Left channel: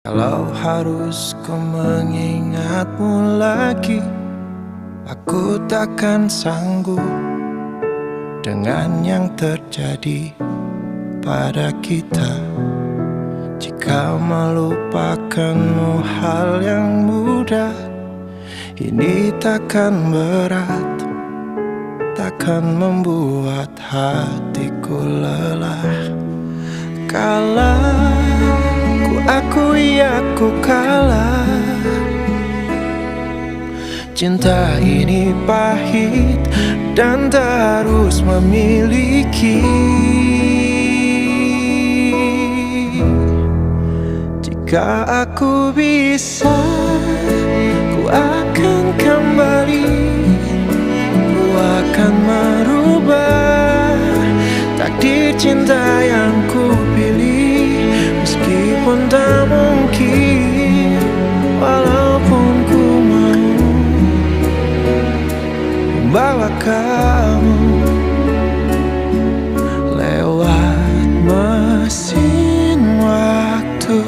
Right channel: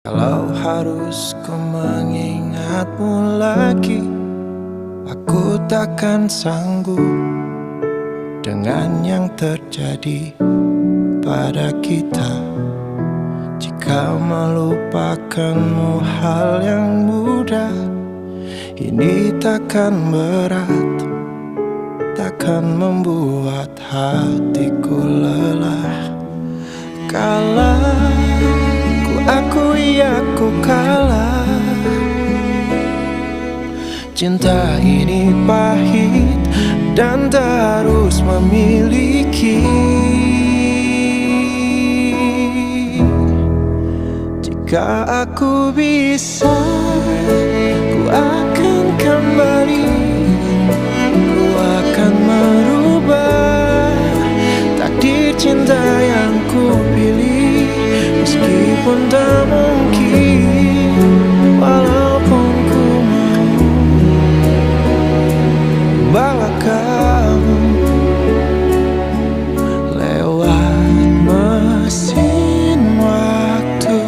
Kalau harus ku mengingatmu lagi, aku takkan sanggup dengan yang terjadi pada kita. Jika melupakanmu hal yang mudah, ini takkan berat, takkan membuat hatiku lelah. Kalah, ku akui aku kalah. Cinta ini pahit dan tak harus memiliki. Jika aku bisa, ku akan kembali. Ku akan merubah takdir cinta yang ku pilih. Meskipun tak mungkin, walaupun ku mau bawa kamu lewat mesin waktu.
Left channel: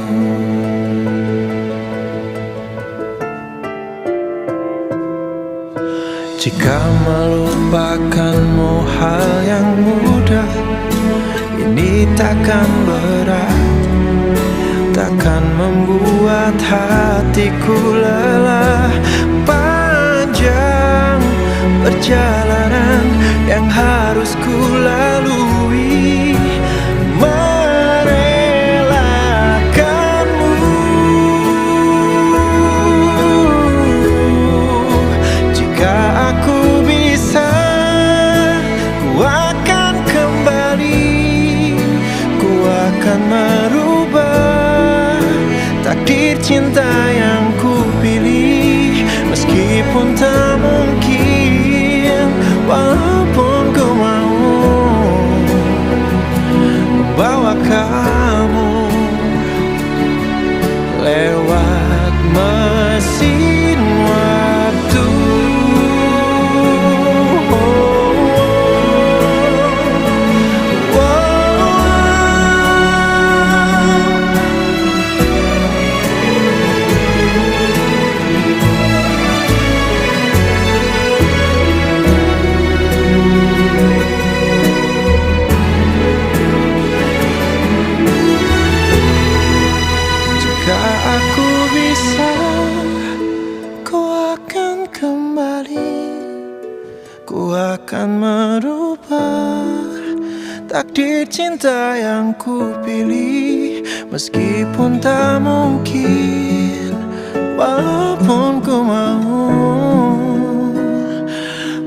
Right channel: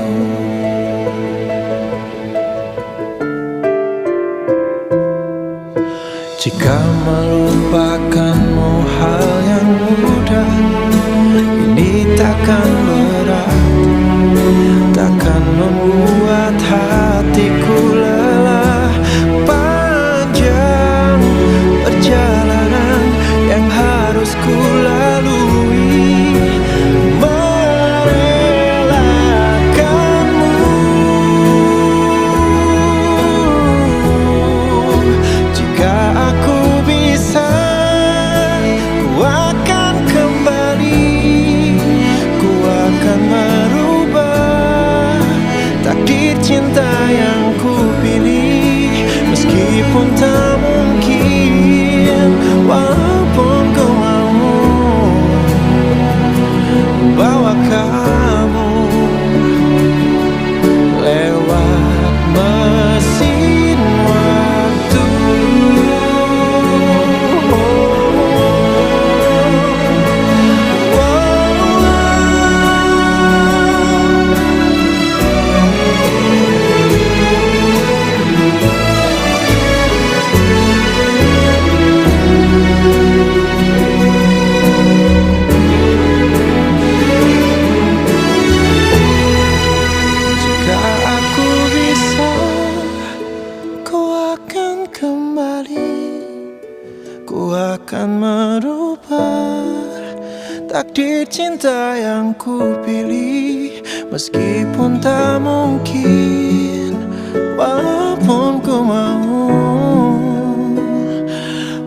Jika melupakanmu hal yang mudah, ini takkan berat, takkan membuat hatiku lelah. Panjang perjalanan yang harus ku lalui, merelakanmu. Jika aku bisa, ku akan kembali. Ku akan merubah takdir cinta yang ku pilih. Meskipun tak mungkin, walaupun ku mau membawa kamu lewat mesin waktu. Jika aku bisa, ku akan kembali. Ku akan merubah takdir cinta yang ku pilih. Meskipun tak mungkin, walaupun ku mau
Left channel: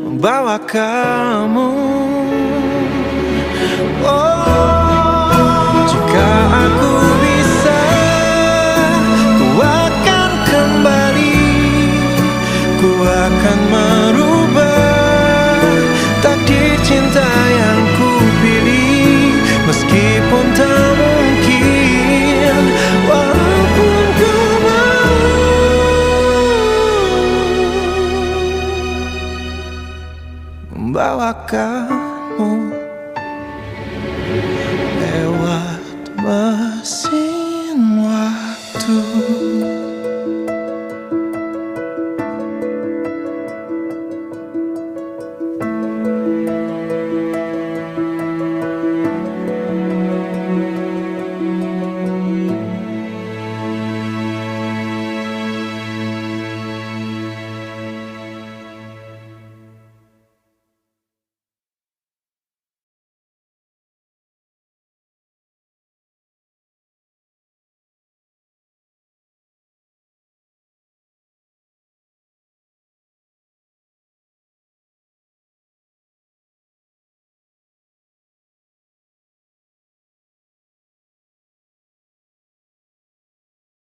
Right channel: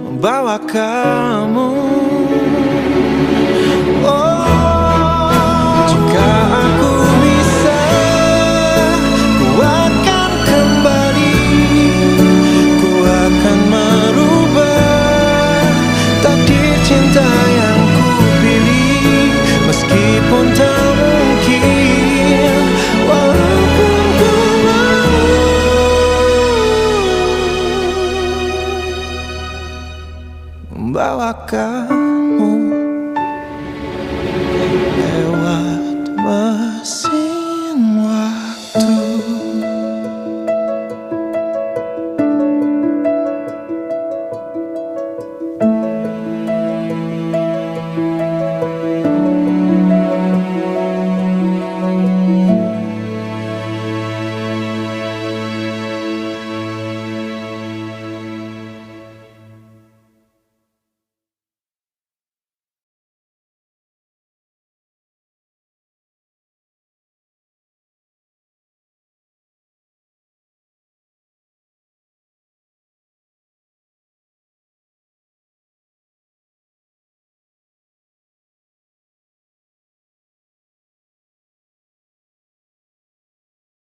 membawa kamu. Oh, jika aku bisa, akan merubah takdir cinta yang ku pilih. Meskipun tak mungkin,